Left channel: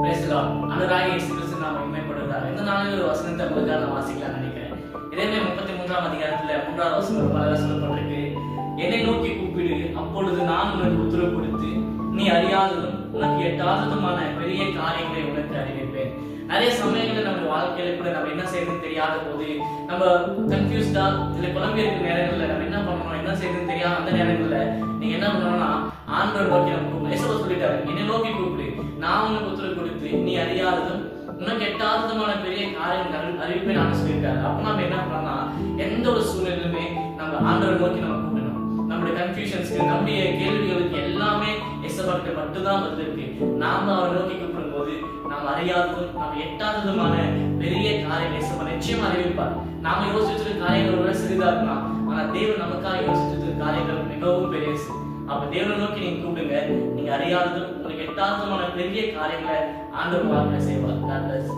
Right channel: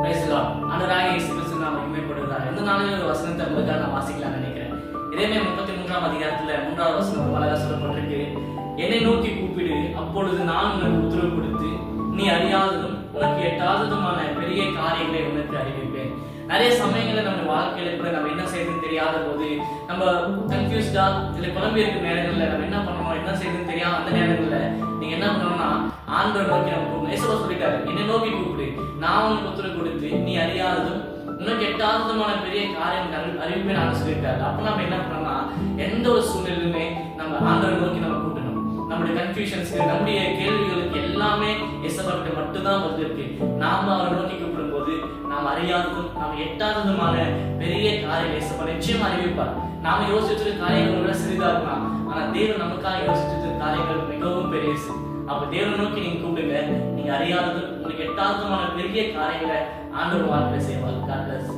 Praise the Lord. ஆண்டவராகிய இயேசு கிறிஸ்து நாம மகிமைப்படுவதாக. இந்த நாளில் ஒரு வசனத்தை உங்களுக்காக நான் வாசிக்கலாம்னு நினைக்கிறேன். எரேமியா 33ஆம் அதிகாரத்துல 3வது வசனம் அழகா சொல்லப்பட்டிருக்கு. என்னை நோக்கி கூப்பிடு, அப்பொழுது நான் உனக்கு உத்தரவு கொடுத்து நீ அறியாததும் உனக்கு எட்டாததுமான பெரிய காரியங்களை உனக்கு அறிவிப்பேன். நிறைய சமயங்கள்ல நம்ம வாழ்க்கையில கூட நம்ம என்ன செய்யறதுன்னு தெரியாத போது, நம்ம கன்ஃபியூஸ்டா இல்ல குழம்பி இருக்கிற நேரங்கள்ல நம்ம என்ன பண்ணணும், என்ன செய்யறதுன்னு தெரியாத அந்த நேரங்கள்ல நீங்க என்ன பண்ணணும்னா ஆண்டவரை நோக்கி நம்ம கூப்பிடணும். இயேசு சொல்லிட்டாரு, என்னை நோக்கி கூப்பிடு, நான் உனக்கு உத்தரவு கொடுத்து நீ அறியாததும் உனக்கு எட்டாததுமான பெரிய காரியம் அறிவிப்பேன் நான் சொல்லியிருக்காரு. அப்ப நம்ம என்ன பண்ணோம்னா எந்த ஒரு சூழ்நிலையுமே நம்ம ஆண்டவரை நோக்கி நம்ம கூப்பிடணும். நம்முடைய கன்ஃபியூஷன்ஸ்க்கு, நம்முடைய கேள்விகளுக்கு எல்லாமே இயேசுவிட்ட மட்டும்தான் பதில் இருக்கு. நாம அவரை நோக்கி கூப்பிடும் போது நாம் அறியாததும் நம்ம எட்டாததுமான பெரிய காரியம் இயேசு நிச்சயமா அறிவிப்பார். நாம யோசிச்சிருக்க காரியங்கள் விட சிறிதா இருக்கலாம், ஆனா தேவன் நமக்காக யோசிச்சிருக்க காரியங்கள் மிகவும் பெரியசு. அப்ப தேவனை நோக்கி நீங்க கூப்பிடுங்க. நீங்க அறியாததும் உங்களுக்கு எட்டாததுமான பெரிய காரியங்களை ஆண்டவர் வாழ்க்கையில செய்வார். God bless.